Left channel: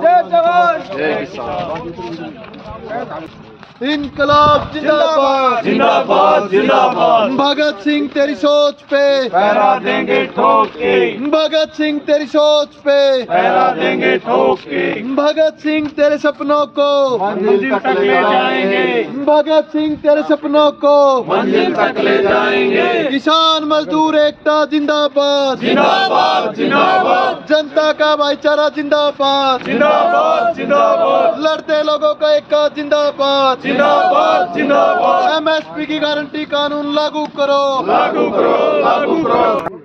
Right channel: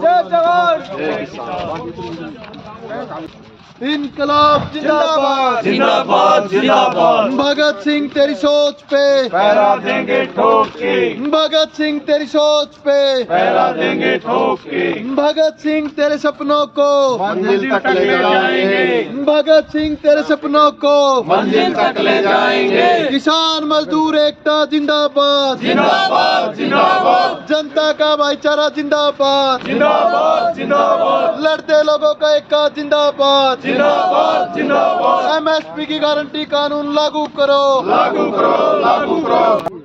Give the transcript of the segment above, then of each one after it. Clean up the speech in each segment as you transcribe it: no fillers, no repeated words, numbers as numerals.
जय जवान। इनकलाब जिंदाबाद जिंदाबाद जिंदाबाद। भगत सिंह तेरी सोच पे पहरा देंगे ठोक के, भगत सिंह तेरी सोच पे पहरा देंगे ठोक के। भगत सिंह तेरे सपनों को मंजिल तक ले जाएंगे, भगत सिंह तेरे सपनों को मंजिल तक ले जाएंगे। किसान मजदूर एकता जिंदाबाद जिंदाबाद जिंदाबाद जनता का भाईचारा जिंदाबाद जिंदाबाद जिंदाबाद लड़ते लोगों का एकता जिंदाबाद जिंदाबाद जिंदाबाद। एमएसपी की गारंटी कानून लागू करो लागू करो लागू करो।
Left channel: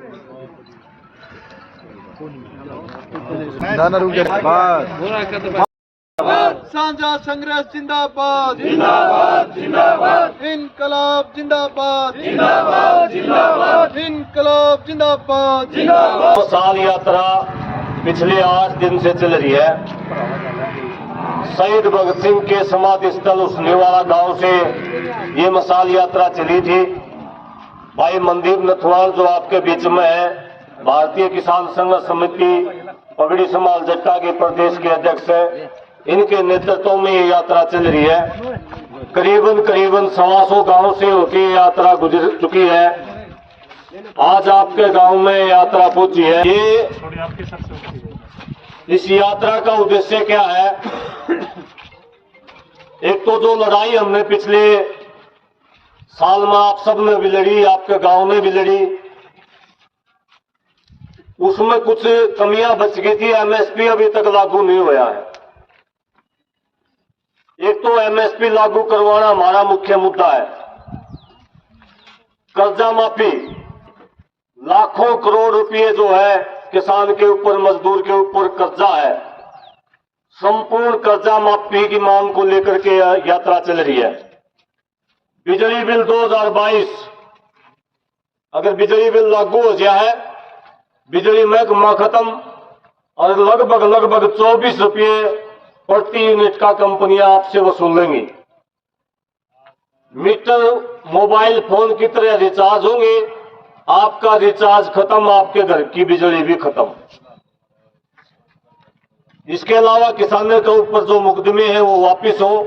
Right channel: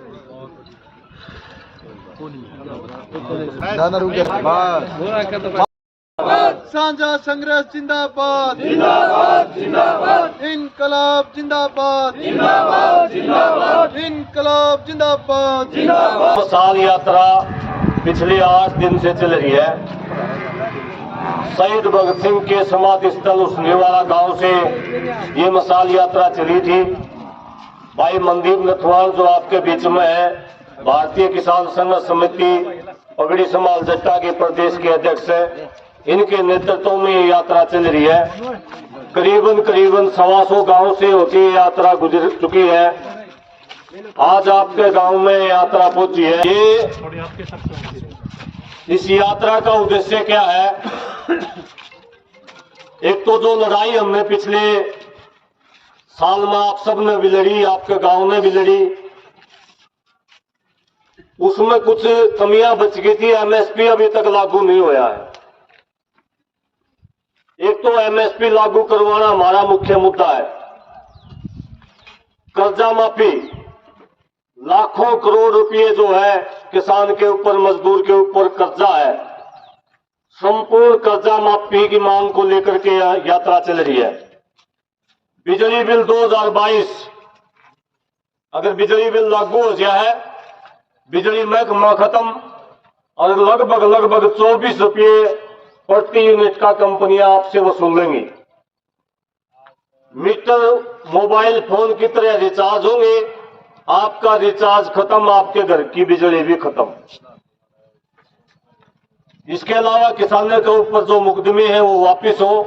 साझा संघर्ष जिंदाबाद जिंदाबाद जिंदाबाद इनकलाब जिंदाबाद जिंदाबाद जिंदाबाद इनकलाब जिंदाबाद जिंदाबाद। मसाल यात्रा पिछले 8 दिन से चल रही है। शहीद भगत सिंह के समाधि स्थल उसनेवाला गांव से ये मसाल यात्रा चली थी। भाई मनदीप नथवाल जो आपके बीच में है, भारतीय किसान संघर्ष समिति पगड़ी समाल जट्टा के प्रदेश के अध्यक्ष है, इनके नेतृत्व में ये यात्रा चल रही है। करीबन 125 गांव से होती ये यात्रा गुजर चुकी है। आज आपके गांव में यात्रा पहुंची है। ये इस यात्रा का उद्देश्य क्या है? एक तो जो लड़ाई हमने पिछले साल में आप सब ने भी लड़ी, आपके गांव में भी लड़ी, उसमें कुछ कमियां बच गई थी। एमएसपी अभी तक लागू नहीं हुआ है। एक तो एमएसपी लागू करवाना हमारा मुख्य मुद्दा है। कर्जा माफी, लाखों करोड़ रुपए जो है किसान के ऊपर, मजदूर के ऊपर कर्जा है, संपूर्ण कर्जा माफी की मांग को लेकर के यात्रा चल रही है। बिजली बिल 2022, अगर बिजली बिल लागू हो गया है, बिजली महकमा खत्म और लगभग 24 रुपये प्रति यूनिट का कंपनियां आपसे वसूलेंगी। मीटर मोबाइल फोन की तरह रिचार्ज होंगे, आपका रिचार्ज खत्म, आपके घर की बिजली भी खत्म। इसके अलावा किसानों के ऊपर जो मुकदमे हैं वो वापिस हो।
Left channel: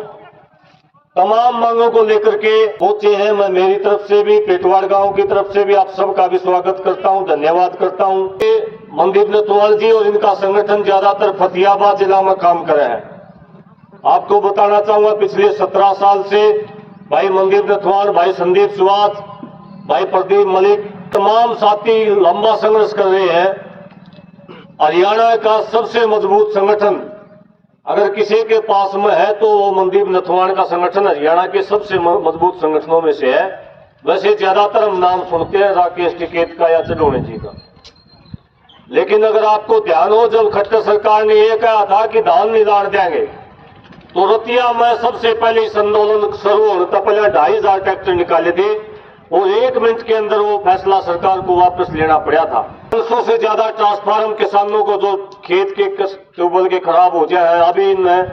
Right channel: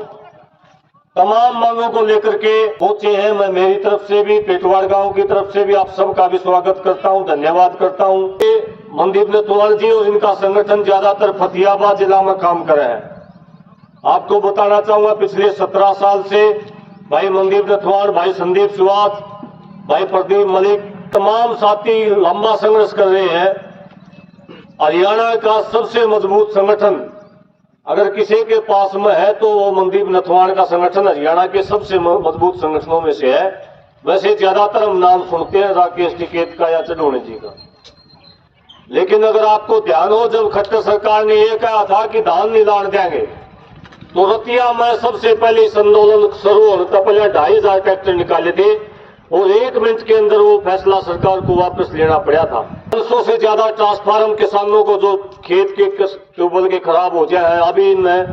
तमाम मांगों को लेकर के पहुंचे हैं। मैं मेरी तरफ से भी, पेटवाड़ गांव की तरफ से भी आप सबका भी स्वागत करता हूं, धन्यवाद करता हूं। मनदीप नथवाल जी और इनका संगठन ज्यादातर फतेहाबाद जिला में काम कर रहे हैं। आपको बताना चाहूंगा, पिछले 17 साल से भाई मनदीप नथवाल, भाई संदीप सुहास, भाई प्रदीप मलिक, तमाम साथी लंबा संघर्ष कर रहे हैं। हरियाणा का सबसे मजबूत संगठन अगर किसी के पास में है तो वो मनदीप नथवाल का संगठन हरियाणा के सबसे मजबूत संगठनों में से है। वैसे ज्यादातर हम नाम सुनते हैं राकेश टिकैत का या चढ़ोने जी का, लेकिन अगर आपको ध्यान हो, जब खट्टर सरकार ने ये कहा था कि धान नहीं लान देंगे, तो रतिया में सबसे पहले इस आंदोलन शुरू होने तक पहले 2500 ट्रैक्टर निकाले थे और 1 मिनट के अंदर वो फैसला सरकार को वापस लेना पड़ा था। 500 से ज्यादा ट्रांसफार्मर किसानों को जो खेत के ट्यूबवेल के खराब हो जाए हैं, अभी इनमें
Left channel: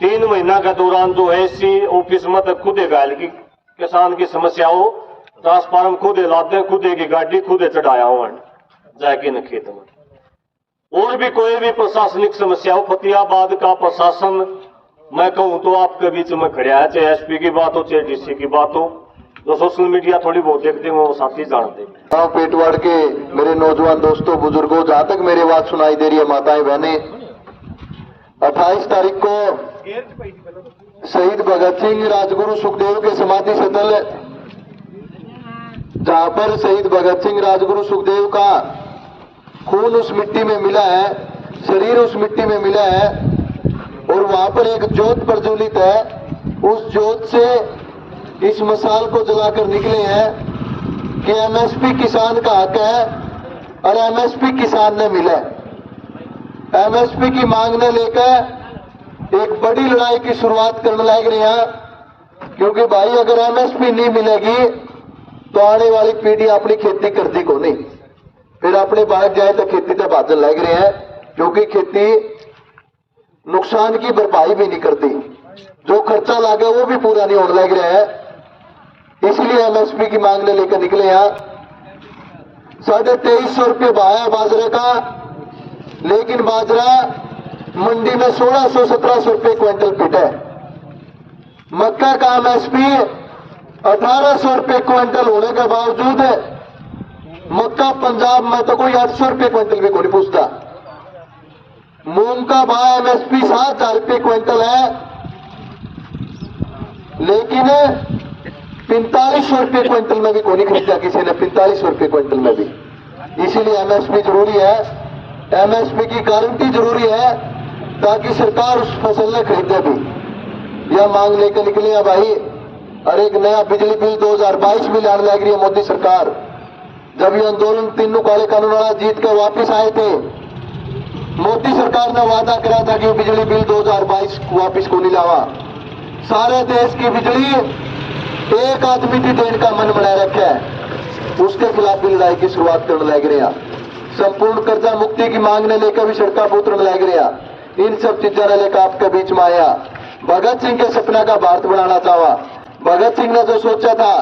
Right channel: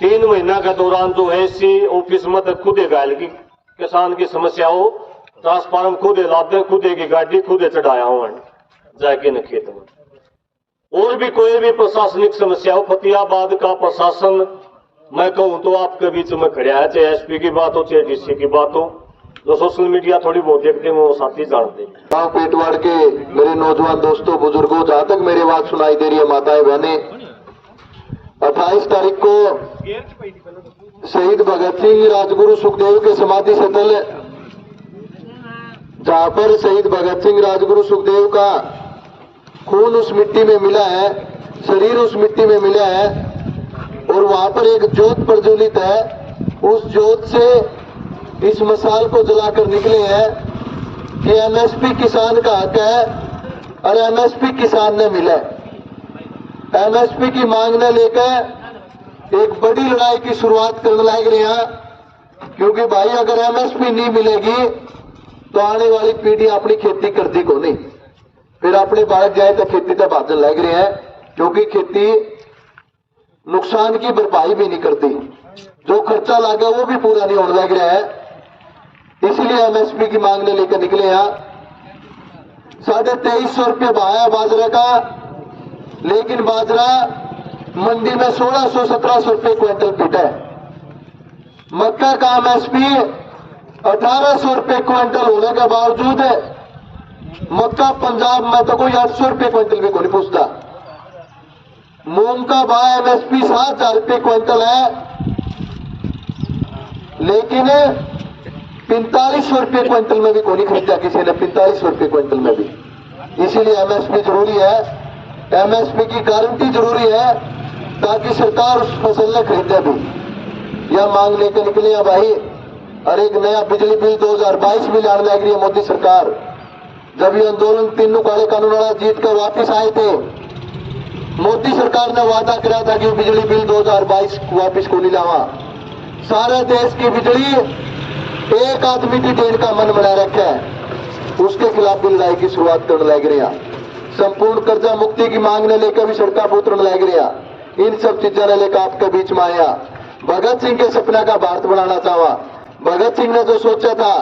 3 महीना के दौरान जो है इसी ऑफिस में तक खुद घायल की किसान की समस्या हो, ट्रांसफार्मर खुद लाते, खुद की गाड़ी खुद चढ़ाया हुआ जाके न खेत में। और भी कोई भी प्रशासनिक समस्या हो, फतेहाबाद का प्रशासन मैं कहूं तो आपके बीच में खड़ा है, चाहे एसपी की बात हो चाहे डीसी की बात हो। जो सोशल मीडिया थोड़ी बहुत देखते हैं वो साथी जानते हैं। गाँव पेटवाड़ के मेरे नौजवान दोस्तों, बुजुर्गों, जहां तक मेरी आवाज सुनाई दे रही है, माताएं बहनें, 28 तारीख को शहीद भगत सिंह, राजगुरु सुखदेव के समाधि स्थल, जहां पर शहीद भगत सिंह, राजगुरु सुखदेव का खून उस मिट्टी में मिला है, शरीर उस मिट्टी में मिला है और वहां पर एक ज्योत प्रज्वलित है। उस ज्योत से इस मसाल को जलाकर निकले हैं कि एमएसपी किसान का हक है और एमएसपी किसान ने मिला। एमएसपी की मांग ने लेकर एक बड़ी लड़ाई की शुरुआत करने लग रहे हैं, क्योंकि भाई अगर एमएसपी नहीं मिलेगी तो आने वाली पीढ़ी अपनी खेती करती को नहीं, फिर अपने बाहर जाए तो खेती तो बादल लग रहे हैं, क्योंकि खेती नुकसान की भरपाई भी नहीं करती, जो खर्चा लगा वो भी पूरा नहीं होने लग रहा है। इसलिए एमएसपी की मांग ने लेकर निकले हैं। 2350 रुपये भाव है बाजरे का, लेकिन बाजरा मंडी में 1600-1700 रुपए क्विंटल पिटा है। मक्का का एमएसपी 1800 रुपए क्विंटल होने के बावजूद मक्का पंजाब में तो कोई 800 रुपए क्विंटल भी नहीं पूछता। मूंग का भाव एमएसपी 7000 रुपए क्विंटल है, लेकिन 4500 रुपए क्विंटल में भी कोई नहीं खरीदा किसी ने, 4500 रुपए क्विंटल में भी। इसीलिए एमएसपी जरूरी है, एमएसपी की गारंटी जरूरी है, ताकि सरकार उस फसल ने खरीदे भी। यह मांग लेकर निकले हैं भाई। और एक नया बिजली बिल 2022 में लाने लग रही है मोदी सरकार। जब ये आंदोलन तीनों काले कानून वाला जीत कर वापिस आए थे, मोदी सरकार ने वादा करा था कि बिजली बिल 2022 वापिस को नहीं लावा। सारे देश की बिजली एक आदमी की देने का मन बना रखा है, उसके खिलाफ भी लड़ाई की शुरुआत करने लग रहे हैं। संपूर्ण कर्जा मुक्ति की मांग ने लेकर भी सड़का पुत्र लग रहे हैं। इन सब चीजों ने लेकर आपके बीच में आया। भगत सिंह के सपना का भारत बनाना चाहा। भगत सिंह ने जो सोचा था,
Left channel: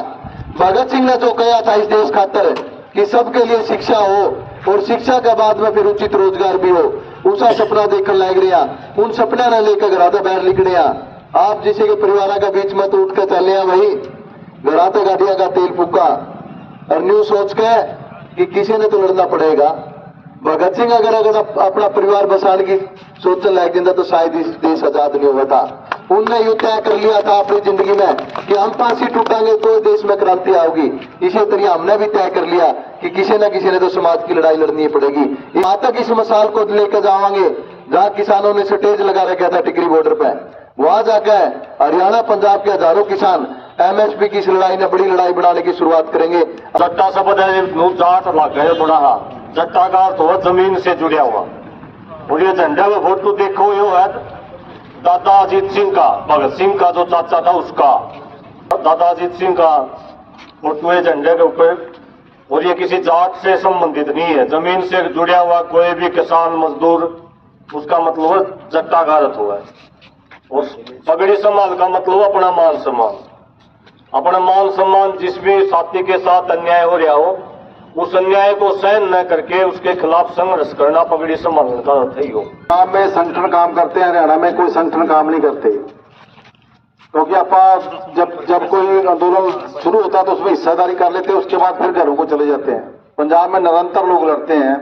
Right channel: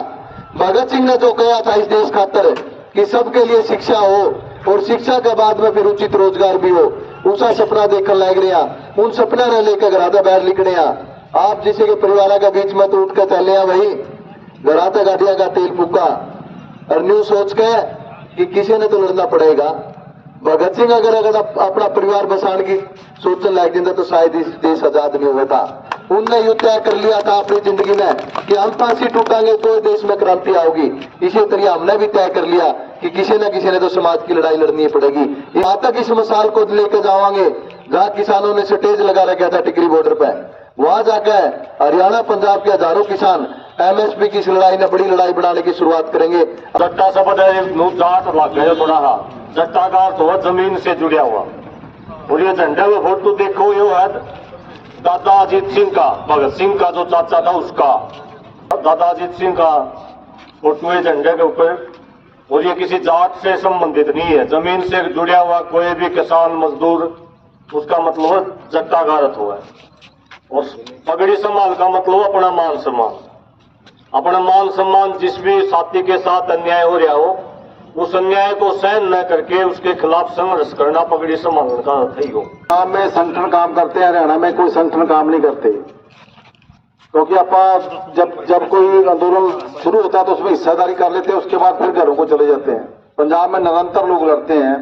भगत सिंह ने जो कहा था इस देश खातर कि सबके लिए शिक्षा हो और शिक्षा के बाद में फिर उचित रोजगार भी हो, उसका सपना देखकर लग रहा। उन सपना ने लेकर घराता बाहर निकले। आप जिसे के परिवार का बीच में तो उठ कर चले भाई, घराता गाड़िया का तेल फूका और न्यू सोच के कि किसी ने तो लड़ना पड़ेगा। भगत सिंह अगर अपना परिवार बसाने की सोचने लग जाता तो शायद इस देश आजाद नहीं हुआ था। उनने युद्ध तय कर लिया था अपनी जिंदगी में कि हम फांसी टूटांगे तो देश में क्रांति आओगी। इसी तरह हमने भी तय कर लिया कि किसी न तो समाज की लड़ाई लड़नी पड़ेगी। यहाँ तक इस मिसाल को लेकर जावांगे जहाँ किसानों ने स्टेज लगा रखा था टिकरी बॉर्डर पे। वहां जाकर हरियाणा पंजाब के हजारों किसान एमएसपी की इस लड़ाई ने बड़ी लड़ाई बनाने की शुरुआत करेंगे। जट्टा शब्द है जाट वाक्य बड़ा जट्टा का अर्थ हुआ जमीन से जुड़ा हुआ। और ये झंडे में फोटो देखो, ये है दादा अजीत सिंह का, भगत सिंह का जो चाचा था उसका, दादा अजीत सिंह का फोटो है झंडे के ऊपर। और ये किसी जात से संबंधित नहीं है, जमीन से जुड़ा हुआ कोई भी किसान मजदूर, उसका मतलब जट्टा का अर्थ हुआ है। और पगड़ी सम्मान का मतलब अपना मान सम्मान। अपना मान सम्मान जिस भी साथी के साथ अन्याय हो रहा हो, उस अन्याय को सहन न करके उसके खिलाफ संघर्ष करना पगड़ी सम्मान का अर्थ ही हो। पंजाब में संगठन काम करते हैं, हरियाणा में कोई संगठन काम नहीं करते, क्योंकि आप जब कोई आंदोलन शुरू होता है तो उसमें हिस्सेदारी कर लेते हैं, उसके बाद फिर घरों को चले जाते हैं। पंजाब में निरंतर लोग लड़ते हैं।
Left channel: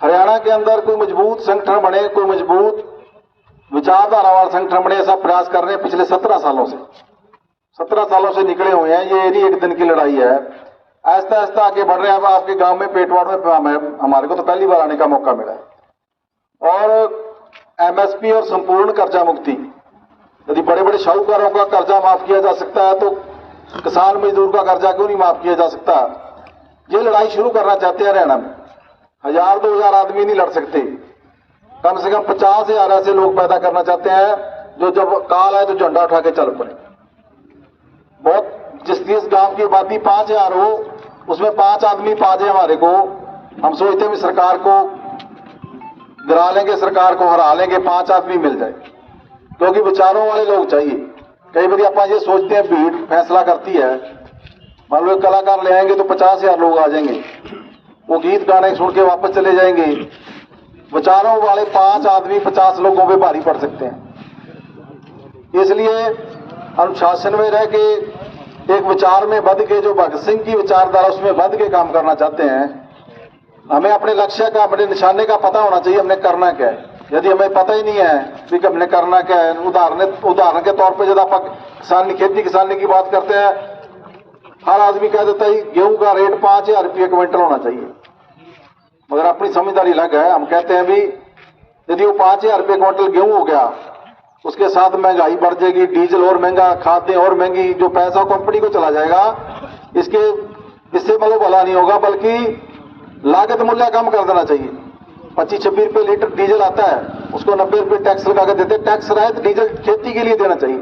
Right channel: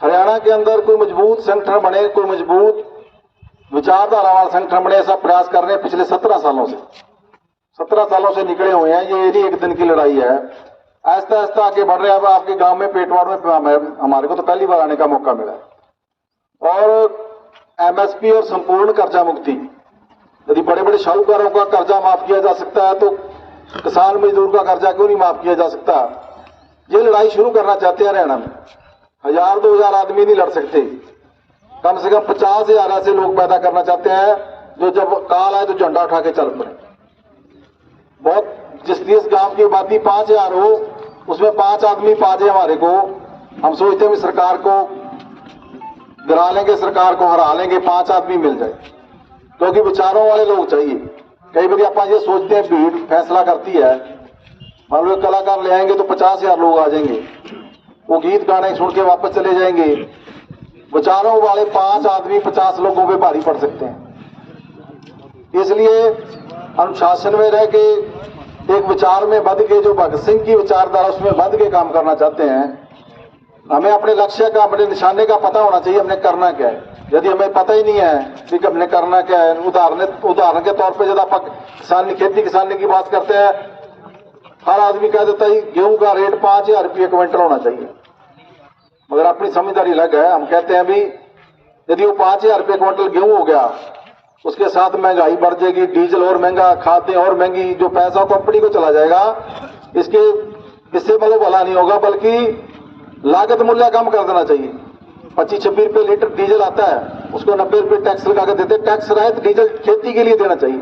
हरियाणा के अंदर कोई मजबूत संगठन बने, कोई मजबूत विचारधारा वाला संगठन बने, ऐसा प्रयास कर रहे हैं पिछले 17 सालों से। 17 सालों से निकले हुए हैं। ये नहीं एक दिन की लड़ाई है, आहिस्ता आहिस्ता आगे बढ़ रहे हैं। अब आपके गांव में पेटवाड़ में हमारे को तो पहली बार आने का मौका मिला है। और एमएसपी और संपूर्ण कर्जा मुक्ति, यदि बड़े बड़े साहूकारों का कर्जा माफ किया जा सकता है तो किसान मजदूर का कर्जा क्यों नहीं माफ किया जा सकता। ये लड़ाई शुरू करना चाहते हैं हरियाणा में। 1000-2000 आदमी नहीं लड़ सकते, कम से कम 50,000 ऐसे लोग पैदा करना चाहते हैं जो जब काल आए तो झंडा उठा के चल पड़े। बहुत जिस गांव की आबादी 5000 हो, उसमें 5 आदमी पाजे हमारे को, हम सोचते हैं सरकार को गिरा लेंगे, सरकार को हरा लेंगे, 5 आदमी मिल जाए, क्योंकि विचारों वाले लोग चाहिए। कई बार आप ये सोचते हैं भीड़ फैसला करती है, मान लो कलाकार ले आएंगे तो 50,000 लोग आ जाएंगे, वो गीत गाने छोड़ के वापस चले जाएंगे। विचारों वाले 5 आदमी 50 लोगों पे भारी पड़ सकते हैं। इसलिए अनुशासन में रह के एक विचार में बध के, जो भगत सिंह की विचारधारा उसमें बध के काम करना चाहते हैं। हमें अपने लक्ष्य का, अपने निशाने का पता होना चाहिए, हमने करना क्या है। यदि हमें पता ही नहीं है कि हमने करना क्या है, उदाहरण के तौर पे जब आप खेती किसानी की बात करते हैं, हर आदमी कह देता है गेहूं का रेट 5000 रुपये क्विंटल होना चाहिए, मगर अपनी समझदारी अलग है। हम कहते हैं भी यदि वो 5000 रुपये क्विंटल गेहूं हो गया, उसके साथ महंगाई बढ़ जाएगी, डीजल और महंगा, खाद्य और महंगी, जो पैसा कंपनी को चला जाएगा, इससे मतलब भला नहीं होगा, बल्कि लागत मूल्य कम कर देना चाहिए। 25-26 रुपये लीटर डीजल आता है, उसको 90 रुपये टैक्स लगा के देते। टैक्स रहित डीजल खेती के लिए देना चाहिए।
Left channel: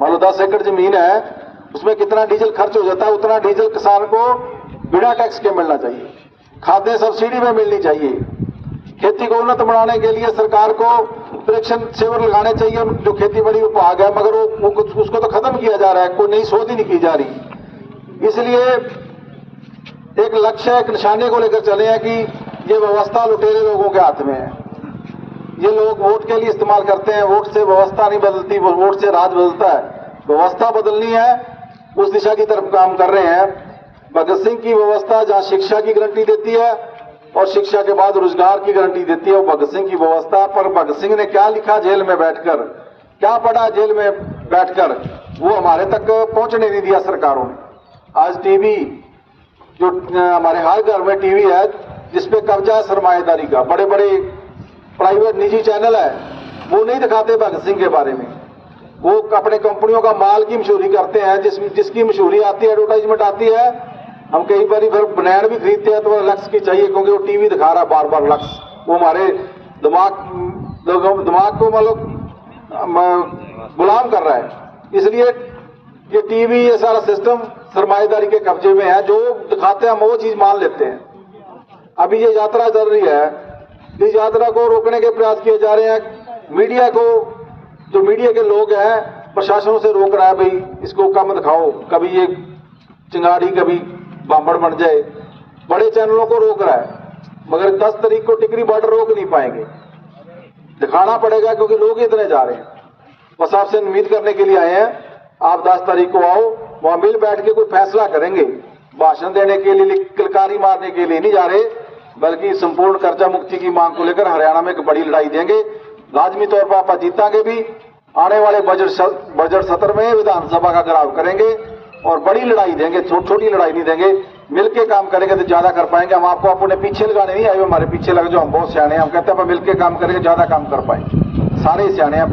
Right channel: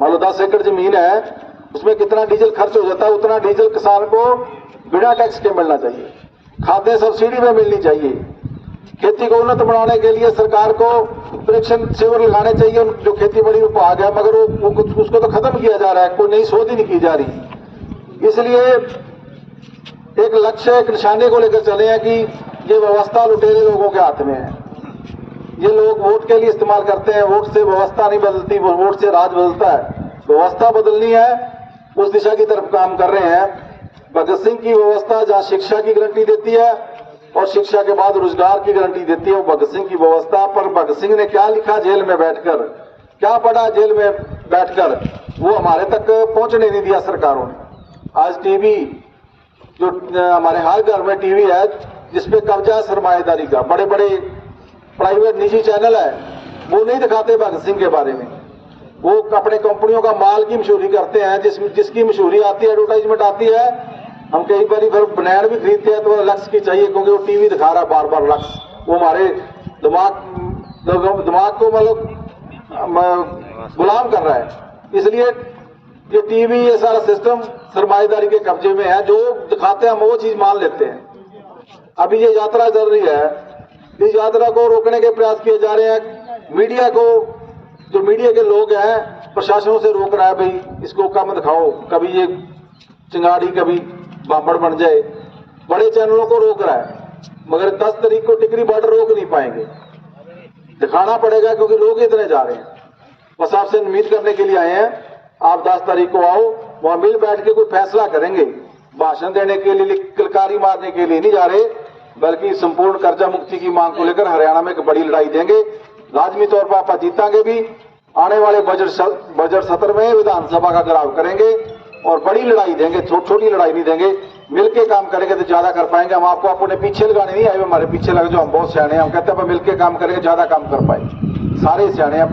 मान लो 10 एकड़ जमीन है, उसमें कितना डीजल खर्च हो जाता है, उतना डीजल किसान को बिना टैक्स के मिलना चाहिए। खाद्य सब्सिडी में मिलनी चाहिए। खेती को उन्नत बनाने के लिए सरकार को प्रेक्षण सेवर लगाने चाहिए, जो खेती बड़ी विभाग है, मगर वो उसको तो खत्म किया जा रहा है, कोई नई शोध ही नहीं की जा रही। इसलिए एक लक्ष्य, एक निशाने को लेकर चले हैं कि ये व्यवस्था लुटेरे लोगों के हाथ में है। ये लोग वोट के लिए इस्तेमाल करते हैं। वोट से व्यवस्था नहीं बदलती, वोट से राज बदलता है। व्यवस्था बदलनी है, उस दिशा की तरफ काम कर रहे हैं। भगत सिंह की व्यवस्था जहां शिक्षा की गारंटी देती है और शिक्षा के बाद रोजगार की गारंटी देती है, वो भगत सिंह की व्यवस्था। पर भगत सिंह ने क्या लिखा जेल में बैठकर, क्या पढ़ा जेल में बैठकर, वो हमारे तक पहुंचने नहीं दिया सरकारों ने। आज टीवी जो हमारे हर घर में टीवी है जिसपे कब्जा है सरमाएदारी का, बड़े बड़े प्राइवेट निजी चैनल है, वो नहीं दिखाते भगत सिंह के बारे में। वो अपने कंपनियों का माल की मशहूरी करते हैं, जिसकी मशहूरी आती है, एडवर्टाइजमेंट आती है। हम कई बार फिर बनैन भी खरीदते हैं तो लक्स की चाहिए, क्योंकि वो टीवी दिखा रहा है बार बार लक्स। वो हमारे दिमाग को मतलब गुलाम कर रहा है। इसलिए ये टीवी, ये सारा सिस्टम सरमाएदारी के कब्जे में है। जो दिखाते हैं हम वो चीज मान लेते हैं। अभी ये यात्रा चल रही है, इस यात्रा को रोकने के प्रयास किए जा रहे हैं। मीडिया को, जो मीडिया के लोग हैं, प्रशासन से रोक रहा है, भाई इसको कम दिखाओ, कभी ये चिंगारी कभी बामड़ बन जाए। बड़े चैनलों को रोक रहा है, मगर 10 तारीख को टिकरी बॉर्डर रोक नहीं पाएंगे, दिखाना पड़ेगा, क्योंकि लोग इतने जा रहे हैं। बस आपसे उम्मीद करने के लिए आए हैं, आप 10 तारीख को आओ, वहां मिल बैठ के कोई फैसला करेंगे। भाषण देने के लिए, किलकारी मारने के लिए नहीं जा रहे, बल्कि संपूर्ण कर्जा मुक्ति की मांग को लेकर हरियाणा में एक बड़ी लड़ाई देंगे। लाजमी तौर पर आप जीतांगे भी। आने वाले बजट सत्र में विधानसभा का घेराव करेंगे और बड़ी लड़ाई देंगे, छोटी लड़ाई नहीं देंगे। मिलके काम करेंगे तो ज्यादा कर पाएंगे। हम आपको अपने पीछे लगाने नहीं आए, हमारे पीछे लगे जो हम बहुत सियाने हैं। हम कहते हैं मिलके काम करेंगे, ज्यादा काम कर पाए। सारे सियाने हैं।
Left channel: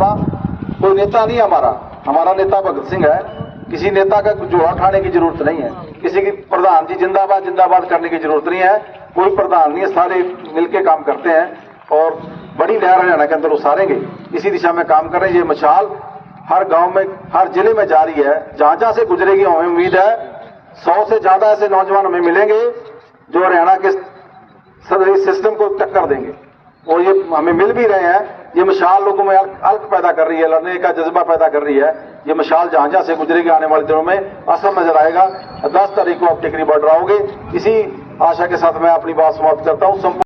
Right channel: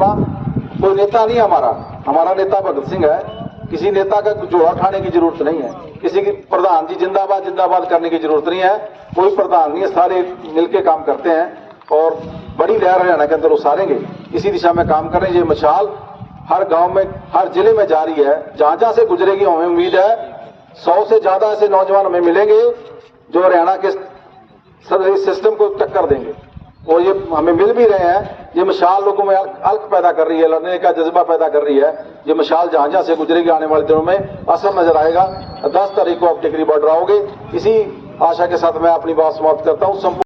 कोई नेता नहीं हमारा नेता भगत सिंह है। किसी नेता का जोड़ा उठाने की जरूरत नहीं है, किसी की प्रधान जी जिंदाबाद जिंदाबाद करने की जरूरत नहीं है। कोई प्रधान नहीं है, सारे मिलके काम करते हैं और बड़ी लहर हरियाणा के अंदर उसारेंगे। इसी दिशा में काम कर रहे हैं। ये मशाल हर गांव में, हर जिले में जारी है। जहां जहां से गुजरेगी हमें उम्मीद है 100 से ज्यादा ऐसे नौजवान हमें मिलेंगे जो हरियाणा के सिस्टम को टक्कर देंगे। और ये हमें मिल भी रहे हैं। ये मशाल लोगों में अल्क पैदा कर रही है, लड़ने का जज्बा पैदा कर रही है। ये मशाल जहां जहां से गुजरेगी आने वाले दिनों में असर नजर आएगा। 10 तारीख को आप टिकरी बॉर्डर आओगे। इसी आशा के साथ मैं अपनी बात समाप्त करता हूँ।